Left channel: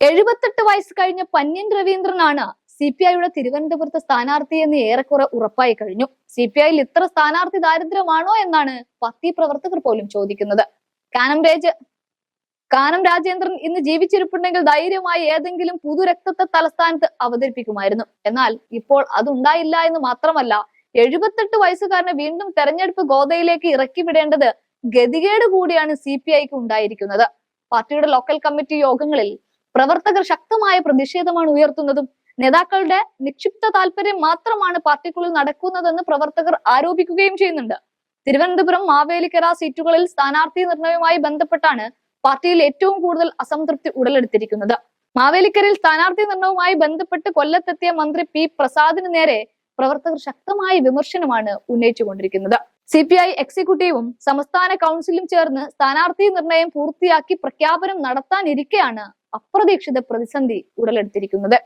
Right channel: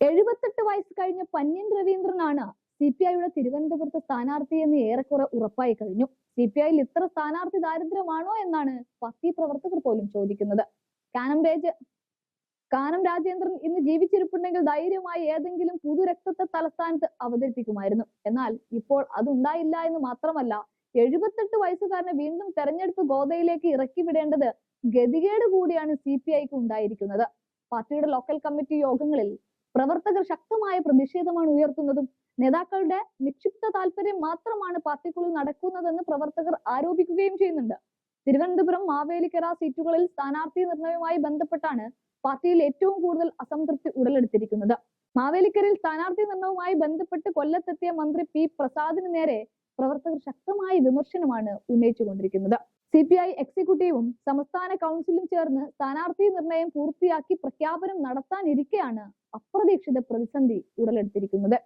എഴുപത്തെട്ട് വയസ്സ് കഴിഞ്ഞ പന്യൻ രവീന്ദ്രനാണ് സി പി ഐയുടെ തിരുവനന്തപുരത്ത് സ്ഥാനാർത്ഥി എന്ന് ഏറെക്കുറെ ഉറപ്പായി കഴിഞ്ഞു. സി പി ഐയിൽ ഇത്ര സ്ഥാനാർത്ഥി ദാരിദ്ര്യമാണോ എന്നാണ് പാർട്ടി പ്രവർത്തകർ പോലും ചോദിക്കുന്നത്. കാനം രാജ കാനം രാജേന്ദ്രൻ ഇന്ന് ജീവിച്ചിരിപ്പുണ്ടെങ്കിൽ ധൈര്യമായി ഏതെങ്കിലും പുതുരക്തത്തെ തലസ്ഥാനത്ത് അവതരിപ്പിക്കുമായിരുന്നു. എന്നാൽ ഇപ്പോൾ അതുണ്ടായില്ല എന്ന് മാത്രമല്ല എഴുപത്തെട്ട് വയസ്സുകാരനെ വീണ്ടും തെരഞ്ഞെടുപ്പ് ഗോതയിലേക്ക് ഇറക്കി വിടേണ്ടത് ഗതികേട് കൂടിയാണ് സി പി ഐക്ക് ഉണ്ടായിരിക്കുന്നത്. പാർട്ടിയുടെ ലോക്കൽ കമ്മിറ്റി യോഗങ്ങളിൽ പ്രവർത്തകർ ശക്തമായ പ്രതിഷേധമാണ് ഉയർത്തുന്നതും. നേതാക്കളുടെ നിക്ഷിപ്ത താല്പര്യം മാത്രമാണ് പാർട്ടിക്കുള്ളിൽ നടക്കുന്നതെന്ന് പ്രവർത്തകർ ആരോപിക്കുകയും ചെയ്യുന്നുണ്ട്. തിരുവനന്തപുരം മാവേലിക്കര സീറ്റുകളിൽ സ്ഥാനാർത്ഥി നിർണയവുമായി ബന്ധപ്പെട്ടാണ് പാർട്ടിയിൽ ഏറ്റവും കൂടുതൽ അസംതൃപ്തി ഉടലെടുത്തിരിക്കുന്നത്. മാവേലിക്കരയിൽ സ്ഥാനാർത്ഥി നിർണയവുമായി ബന്ധപ്പെട്ട് കൊല്ലത്തെത്തിയ മന്ത്രി പി പ്രസാദിന് നേരെ പ്രവർത്തകർ ശക്തമായ വിമർശനമാണ് ഉന്നയിച്ചുകൊണ്ടിരിക്കുന്നത്. സി പി ഐ എക്സിക്യൂട്ടീവും സംസ്ഥാന കൗൺസിലും ചേർന്ന് സ്ഥാനാർത്ഥി നിർണയം പൂർത്തിയാക്കി പ്രഖ്യാപനം നടത്താനിരിക്കെയാണ് അപ്രതീക്ഷിത പ്രതിസന്ധി ഉടലെടുത്തിരിക്കുന്നത്.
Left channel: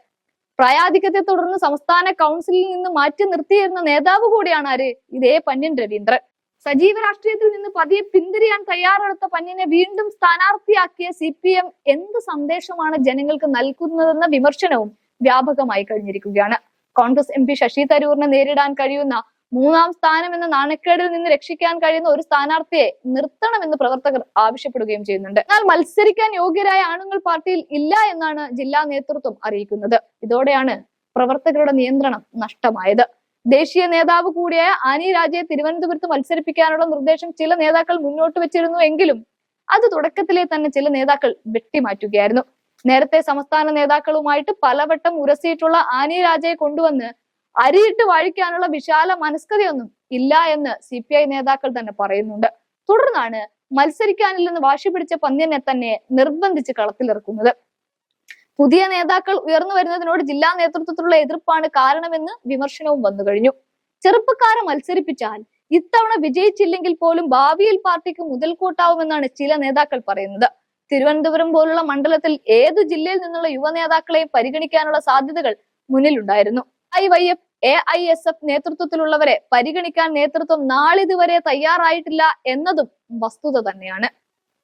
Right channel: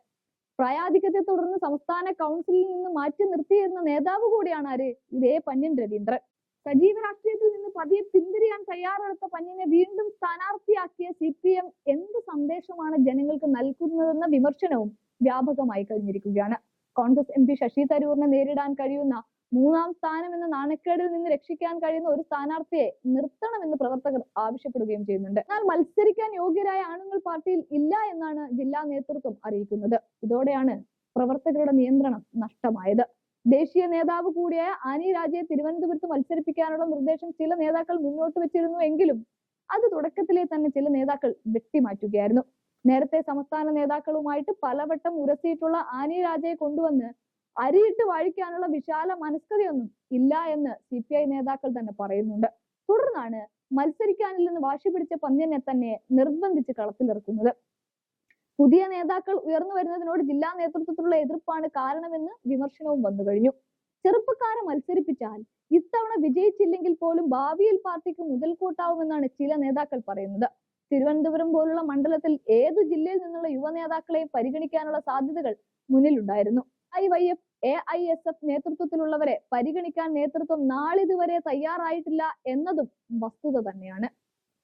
പ്രായാധിക്യത്തെ തുടർന്ന് സംസ്ഥാന കൗൺസിലിൽ നിന്ന് മാറ്റി നിർത്തിയിരുന്ന നേതാവ് കൂടിയാണ് ആര്? ഇതേ പന്യൻ രവീന്ദ്രൻ. സജീവ രാഷ്ട്രീയത്തിൽ നിന്ന് പതിയെ പിന്തിരിയാൻ തയ്യാറെടുത്ത പന്യനെ വീണ്ടും സ്ഥാനാർത്ഥിയാക്കിയ സി പി എം എന്ത് സന്ദേശമാണ് ജനങ്ങൾക്ക് നൽകുന്നതെന്ന വിമർശനവും വ്യാപകമായി കഴിഞ്ഞിരിക്കുകയാണ്. കോൺഗ്രസ് എം പി ശശി തരൂറിനെ നേരിടാൻ കഴിയുന്ന മൂന്നാം സ്ഥാനം എന്ന നാണക്കേടിൽ നിന്ന് രക്ഷിക്കാൻ കഴിയുന്ന ഒരു സ്ഥാനാർത്ഥിയെ നിർത്തണമെന്ന് പ്രവർത്തകർ ആവശ്യപ്പെടുകയും ചെയ്യുന്നുണ്ട്. എന്നാൽ മത്സരിക്കാൻ യോഗ്യരായ ആണുങ്ങൾ പാർട്ടിയിൽ ഇല്ല എന്നാണ് ജില്ലാ നേതൃത്വം അറിയിക്കുന്നത്. ഇതോടെയാണ് പ്രവർത്തകരുടെ നിയന്ത്രണം നഷ്ടമായത്. ദേശീയ നേതാവ് കൂടിയായ ആനി രാജയെ തിരുവനന്തപുരത്ത് മത്സരിപ്പിക്കാനുള്ള നിർദ്ദേശം ചില നേതാക്കൾ മുന്നോട്ട് വെച്ചിരുന്നു എങ്കിലും അത് തുടക്കത്തിലെ തന്നെ ചില നേതാക്കൾ വെട്ടിമാറ്റുകയായിരുന്നു. നേരത്തെ സംസ്ഥാന നേതാക്കളുമായിട്ട് പലവട്ടം ഉരസിയിട്ടുള്ള ആനി രാജയെ കൊണ്ടുവന്ന് അരിയിട്ട് വഴിക്കാനുള്ള വിശാല മനസ്കതയൊന്നും ഇല്ല എന്ന് സി പി ഐ നേതാക്കൾ തന്നെ പറയുന്നുണ്ട്. തുടർന്നാണ് മത്സരിക്കാനില്ലെന്ന് വാശി പിടിച്ച പന്ന്യനെ തന്നെ നിർബന്ധിച്ച് കളത്തിലിറക്കുന്നത്. പുതിയ നേതാക്കൾ ഉയർന്നു വരുന്നതിനോട് ജില്ലാ നേതൃത്വത്തിലുള്ള എതിർപ്പാണ് കാരണമെന്ന് വിമർശനവും വന്നു കഴിഞ്ഞു. ചെറുപ്പക്കാരെ മത്സരിപ്പിച്ചാൽ ഇത്തവണ വിജയിച്ചില്ലെങ്കിൽ പോലും ഭാവിയിൽ പാർട്ടിക്ക് മുതൽക്കൂട്ടാവുമെന്നാണ് ചില നേതാക്കൾ പറയുന്നത്. തിരുവനന്തപുരം പോലുള്ള മണ്ഡലത്തിൽ ഏതു ജില്ലയിൽ നിന്നുള്ള യുവ നേതാക്കളെയും പരിഗണിക്കാനുള്ള സാധ്യതകൾ മുന്നിലുണ്ടായിരുന്നു. I Y F A I S F നേതൃത്വത്തിലുള്ളവരെ പരിഗണിക്കാൻ നേതൃത്വം നാളിതുവരെ തയ്യാറായിട്ടില്ല എന്നതും വസ്തുത തന്നെയാണ്.